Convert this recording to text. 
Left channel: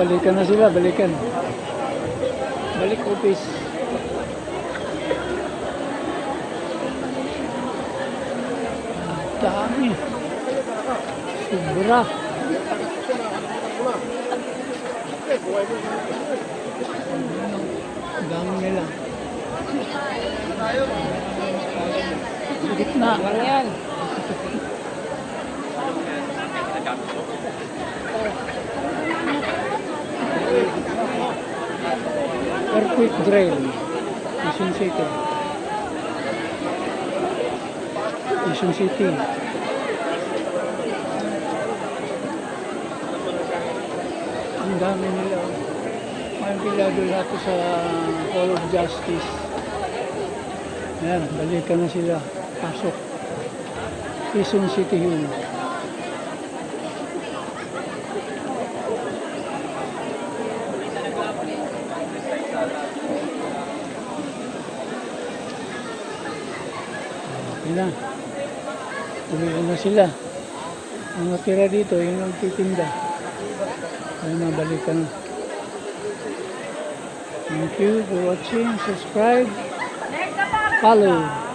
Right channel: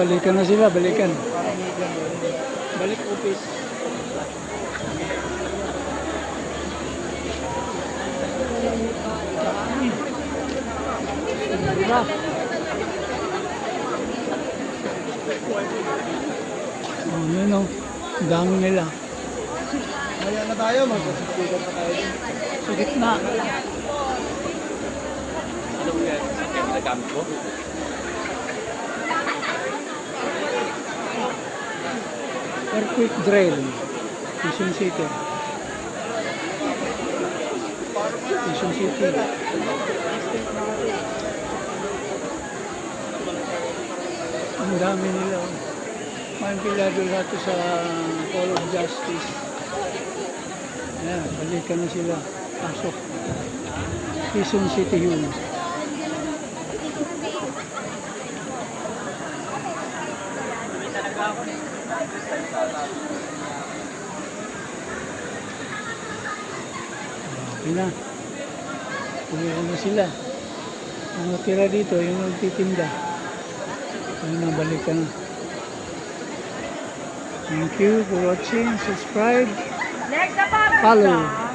balikan na sila, balikan. Balik office. Dami. Sobra. Ayan o. Dami nila. Sa gitna. Earthquake drill. Quezon City. Quezon City. Ang dami nila. Oh. May pilado lahat sa Hall of Justice. Ayan, balikan na sila. Pasok. Quezon City Hall. Okay na. Uwihan na sila. Ang natira dito, yung nagtitinda. Ayun na, balikan na. Thank you for watching. Subscribe. Follow.